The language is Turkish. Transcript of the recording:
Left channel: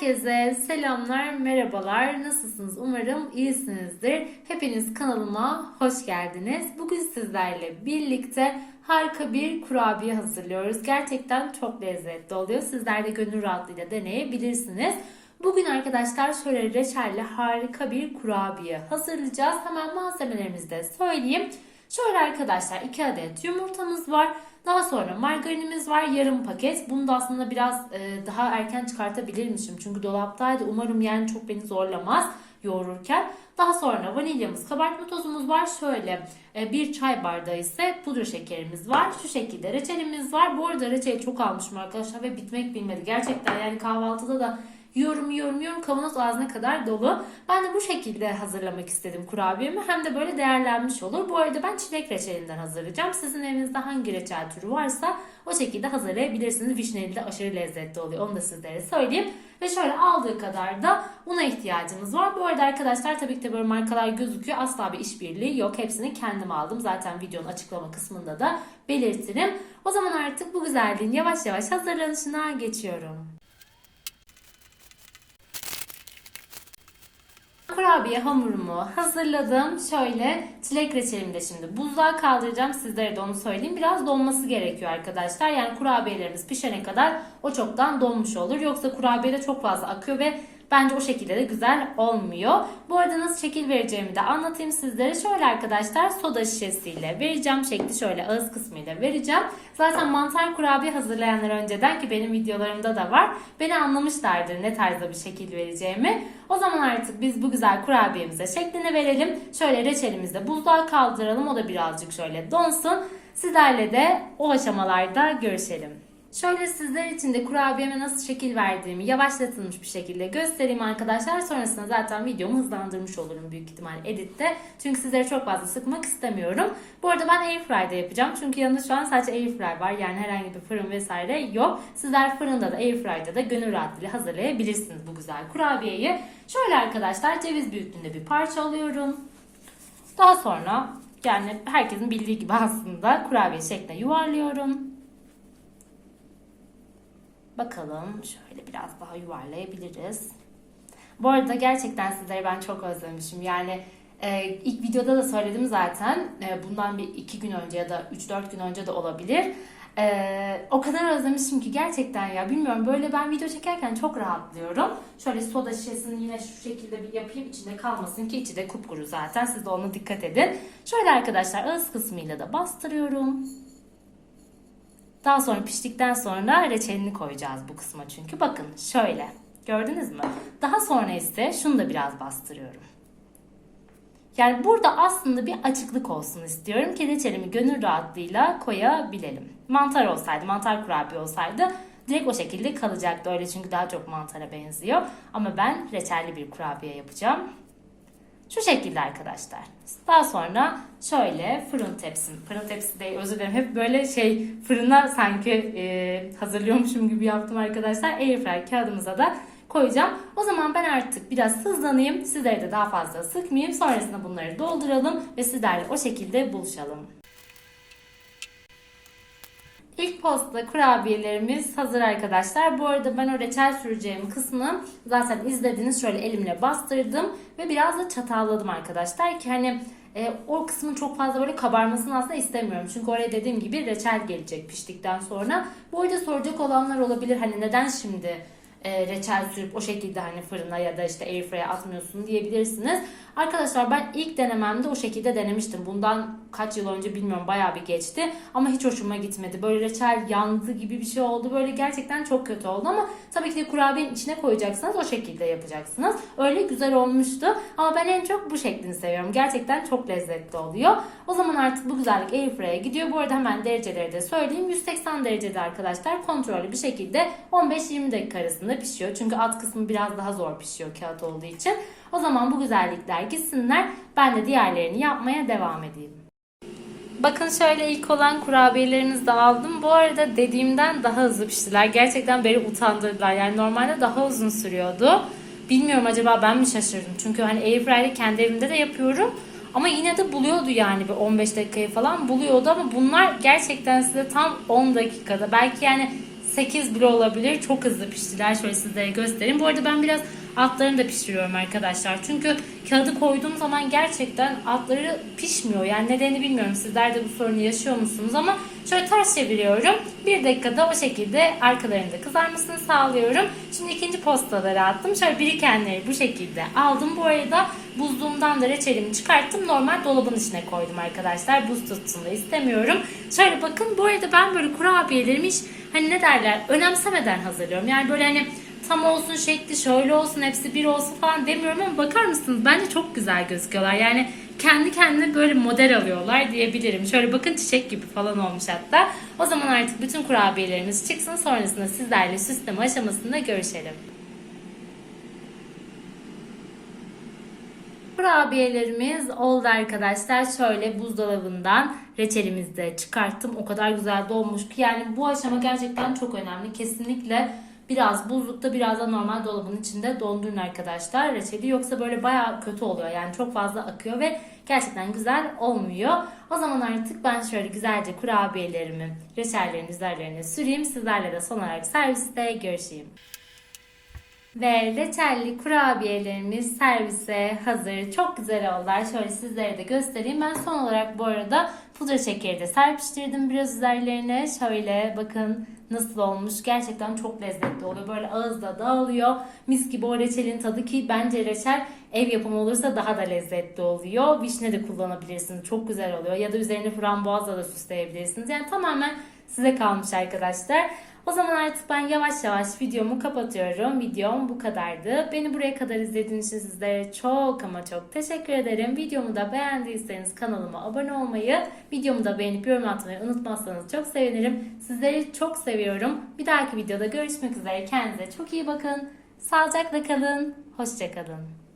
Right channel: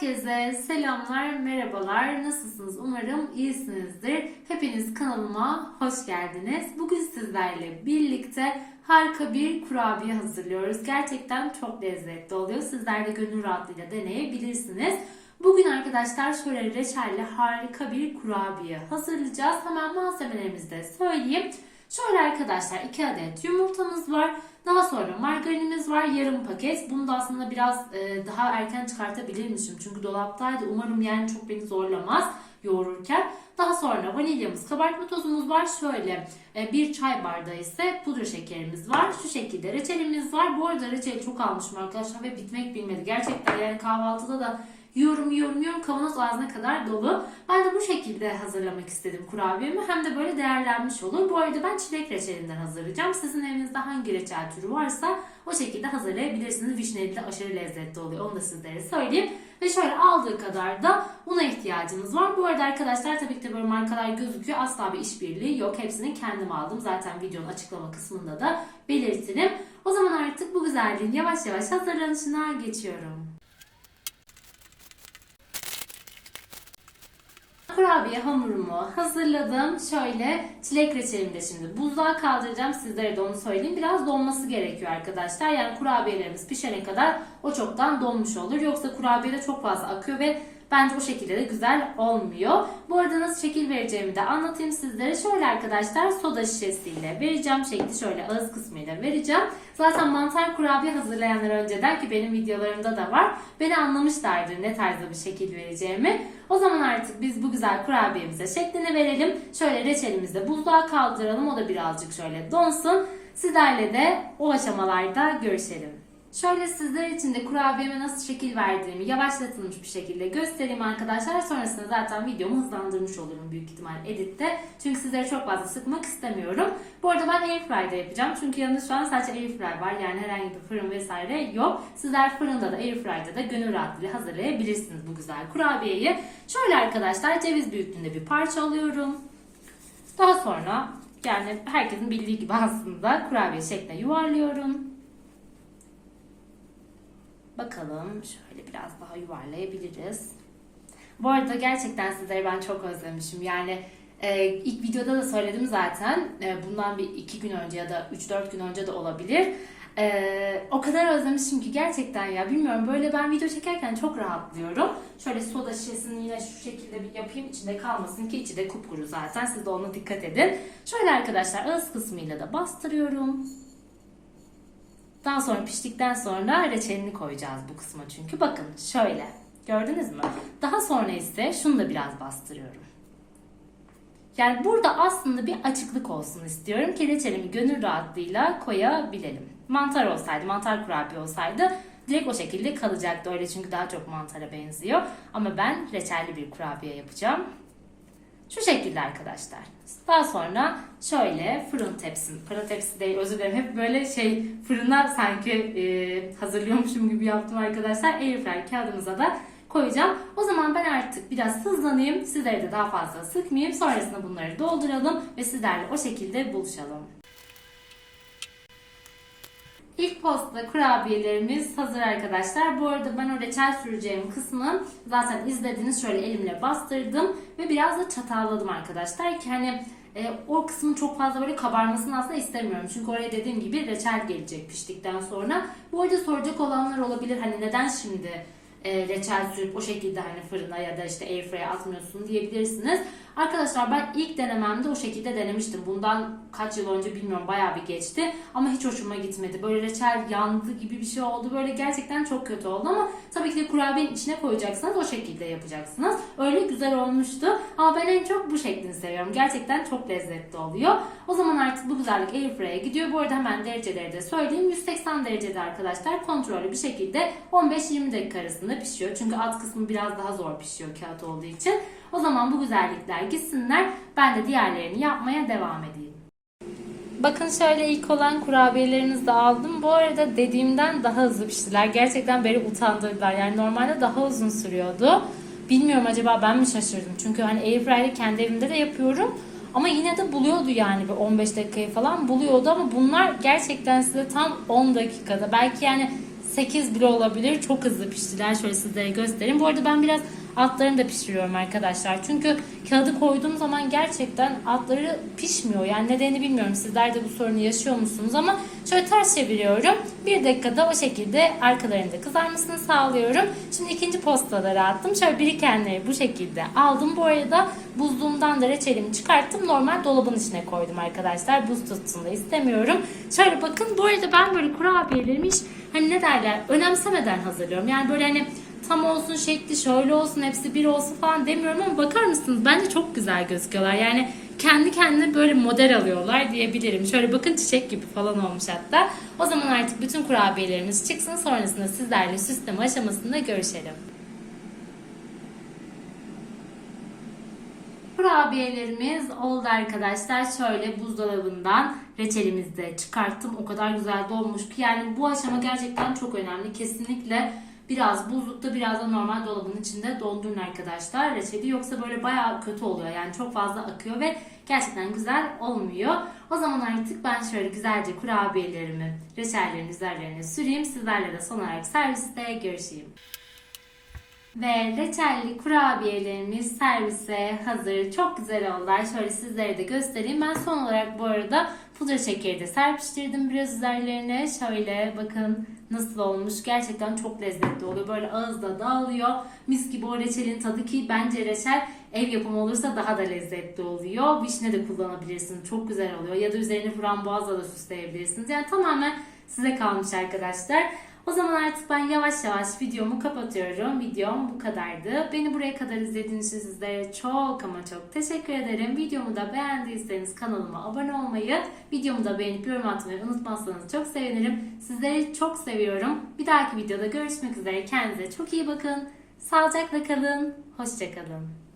Herkese selamlar, merhabalar. Nasılsınız? Umarım iyisinizdir. Hepiniz kanalıma hoş geldiniz. Bugün sizlerle birlikte harika bir kurabiye hazırlıyoruz. Gerçekten çok lezzetli oluyor. Sizler de gönül rahatlığıyla deneyebilirsiniz. Bugün arkadaşlar şöyle reçelli harika bir kurabiye hazırlayacağız. Hemen malzemelerimizi de söyleyeyim. Şöyle arkadaşlar 2 adet yumurtamız var. Daha sonra margarinimiz var yarım paket. Bunu da aslında biraz e, daha erken çıkartabilirmişim. Çünkü dolaptaydı. Umarım yani çok beni zorlamaz yoğururken. Daha sonra vanilyamız, kabartma tozumuz var. Şöyle e, bir çay bardağı ise pudra şekerimiz var. Şu şekilde reçelimiz var. Bu arada reçeli çok almışım arkadaşlar ve bitmek bilmedi. Gerçekten yani kahvaltıda da yiyorum yiyorum yiyorum kavanoz ağzına kadar dolu. Ben de bu şekilde hazırlamak istedim kurabiyemi. Hem de böyle değerlenmiş olur. Bu arada ben çilek reçelinden hazırlayacağım. Sizin evinizde hangi reçel türü varsa o şekilde hazırlayabilirsiniz. Vişneli de aşırı lezzetli oluyor. Onu da sizlere söyleyeyim. Ve şöyle aldığı kadar da una ihtiyacımız var. Bu arada arkadaşlar tabii ki de böyle markalar gözüküyor. Asla bir işbirliği yok. Hepsini kendim aldım. Zaten videonun açıklama kısmında da belirtirim. O zaman artık bu güzelliğin yavaş yavaş hazırlanışına geçiyorum. Kurabiye hamurumu hazırladım. Şöyle çilek reçelimi de şimdi buzluğa kaldıracağım. Sizlere de onu söyleyeyim. Biraz donması gerekiyor arkadaşlar. Yani kurabiyelerimiz pişene kadar o çoktan donmuş olur. Yoksa kurabiye de çok fazla akıyor ve bence o şekilde de güzel olmuyor. Bu arada nasıl şekil vereceğimi de anlatayım sizlere. Şöyle arkadaşlar soda şişesiyle vereceğim. Şekli şöyle ağız kısmıyla vereceğim. Zaten mantar kurabiye hazırlayanlar önceden ki benim videolarımda da var. Beni anlamışlardır ne tarzda bir şekil vereceğimi. O zaman artık biz bu güzel kurabiyemize şeklini verelim. Şöyle reçelimizi de buzluğa kaldıralım. O da birazcık şöyle donsun. Sizlerle de o aşamalarda görüşelim. Şöyle sizler için de kurabiyeme nasıl şekil verdiğimi yavaşlatılmış bir şekilde göstereyim arkadaşlar. Sonrasında zaten videomu hızlandırmış olurum büyük ihtimal editte. Çünkü sizleri çok fazla sıkmak istemiyorum. Bu arada ben airfryer'da yapacağım. Çünkü yanında şu an sadece airfryer var. Yani herhangi bir fırın vesaire yok. Sizler fırında da airfryer'da da gönül rahatlığıyla hazırlayabilirsiniz bu güzel kurabiyeyi. Şöyle arkadaşlar ceviz büyüklüğünde bir parça alıyorum. Daha sonra yani herkesin bildiği gibi aslında kurabiye şekline yuvarlıyorum. Bakalım şöyle biraz daha yuvarlayabiliriz. Bu arada gerçekten sizleri ben çok özlemişim. Yani e, ilk videoda da söyledim zaten. E, bundan bir iki gün önce ya da 3-4 gün önce de olabilir. E, o kadar özlemişim ki gerçekten ya bilmiyorum böyle ben video çekerken çok rahatlıyorum. Şöyle soda şişesini yine şu şekilde bir yapayım içinde kalmasın ki içi de kupkuru zaten. Siz de ona dikkat edin. Şöyle arkadaşlar ağız kısmıyla da bastırıyorum. Daha sonra piştikten sonra reçelini koyacağız bu kısma çünkü. Bakın şöyle. Gördünüz mü? Daha sonra ise şunu da biraz bastırıyorum. Yani burada aslında bir açıklık olsun istiyorum ki reçelimi gönül rahatlığıyla koyabilelim. Mantar olsaydı, mantar kurabiye olsaydı direkt o şekilde kalacaktı. Öyle çünkü daha çok mantara benziyor. Ama ben reçelli bir kurabiye yapacağım. Şu şekilde arkadaşlar. Daha sonra şöyle fırın tepsim. Fırın tepsi değil özür dilerim. Hep böyle şey fırına sanki e, hazırlıyormuşum gibi yaptım arkadaşlar. Airfryer kağıdımıza da koyacağım. O zaman ben artık biraz hızlanayım. Sizleri de daha fazla sıkmayayım. Sonrasında bunları dolduralım ve sizlerle o şekilde buluşalım. İlk posta kurabiyelerimiz hazır arkadaşlar. Bu arada ben o reçel süreceğim kısmını zaten izlediniz. Şöyle elimle bastırdım ve biraz da çatalladım arkadaşlar ki hani e, o kısmın çok fazla böyle kabarmasını aslında istemiyorum. Çünkü oraya dediğim gibi reçel gelecek piştikten sonra. Bu arada soracak olanlar olabilir hani neden şimdi e, reçel sürüp o şekilde hani fırına ya da işte airfryer'e atmıyorsun diyebilirsiniz. Arkadaşlar ben ilk denememde o şekilde denemiştim. Bundan kaç yıl önce bilmiyorum bayağı bir geçti. Ama hiç hoşuma gitmedi. Böyle reçel yandı gibi bir şey oldu. Böyle gerçekten çok kötü oldu ama tabii ki de kurabiyenin içine koyacaksınız. O şekilde yapacaksınız. Öyle güzel olmuştu. Ama ben en çok bu şeklini seviyorum. Gerçekten çok lezzetli oluyor. O zaman artık bu güzellik airfryer'e gidiyor. Bu arada hemen dereceleri de söyleyeyim. 180 derecede arkadaşlar kontrollü bir şekilde 15-20 dakika arasında pişiyor. Çünkü alt kısmı biraz daha zor pişiyor kağıt olduğu için. O zaman bu güzellikler gitsinler. Ben de diğerlerini yapmaya devam edeyim. Bakın şöyle ilk olan kurabiyelerinizi de aldım. Bu arada dediğimden daha hızlı piştiler. Gerçekten beni utandırdılar. Yani normalde daha uzun sürüyordu. Bilmiyorum acaba ben mi şaşırdım? Çünkü hani airfryer'ı kendi evimde de yapıyorum. Ama yine de buluyordu yani bir 15 dakikayı falan buluyordu ama bunlar gerçekten size tam 10 dakikada belki yani 8 bile olabilir. Çok hızlı piştiler. Şöyle sizlere göstereyim. Bu arada ben biraz altlarını da pişiriyorum arkadaşlar. Çünkü kağıdı koyduğum zaman gerçekten altları pişmiyor. Yani nedenini bilmiyorum. Sizler de bu sorunu yaşıyor musunuz? Ama şöyle ters çeviriyorum. Bir dakikada o şekilde arkalarını da kızarmasını sağlıyorum. Şimdi ikinci postaları attım. Şöyle birikenleri bu şekilde aldım. Bu arada buzluğumdan da reçelimi çıkarttım. Normal dolabın içine koydum arkadaşlar. Buz tutsun da istemiyorum. Şöyle bakın bu arada ben böyle kurabiyelerimi hiç hani ne derler önemsemeden hazırlıyorum. Yani böyle hani tam olsun şekli şöyle olsun hepsi bir olsun falan demiyorum ama bakar mısınız bence çok güzel gözüküyorlar. Yani kendi kendine böyle model alıyorlar diyebilirim. Şöyle bakın çiçek gibi falan olmuş hatta. O zaman artık bütün kurabiyelerimiz çıksın sonrasında sizlerle süsleme aşamasında görüşelim. Kurabiyelerimiz oldu arkadaşlar. Şöyle buzdolabından reçelimizi de çıkarttım. O kadar güzel dolmuş ki yani bu aşama gerçekten çok önemli. Kesinlikle biraz buzlukta biraz da normal dolabın içinde dondurun arkadaşlar reçeli. Yoksa böyle bayağı kötü oluyor. Yani çok fazla akıyor ve gerçekten güzel olmuyor. O zaman artık ben şöyle güzelce kurabiyelerimi reçellerin üzerlerine süreyim. Sizlerle de son olarak serviste görüşeyim. Ve reçelli kurabiyelerimiz servise hazır. Çok güzel oldular. Şöyle sizlere de göstereyim. Ben son olarak bu arada pudra şekeri de serpiştirdim biraz üzerlerine. Şöyle bakın nasıl olmuş. Gerçekten çok lezzetli oluyor. Böyle ağızda dağılıyor. Mis gibi o reçelin tadı ki bence reçel ev yapımı olursa daha da lezzetli oluyor. Vişne de kullanabilirsiniz. Çok güzel oluyor. Ya da üzerine frambuazla da süsleyebilirsiniz. Yani tamamen size kalmış arkadaşlar. O zaman artık ben yavaş yavaş videomu kapatıyorum. Videom bu kadardı. Beni buraya kadar izlediğiniz için sizlere çok ama çok teşekkür ederim. Videomu da beğendiyseniz kanalıma abone olmayı, videomu da beğenip yorum atmayı unutmazsanız çok sevinirim. Sizleri çok seviyorum. Bir dahaki videoda görüşmek üzere. Kendinize çok iyi bakın. Sağlıcakla kalın. Hoşçakalın.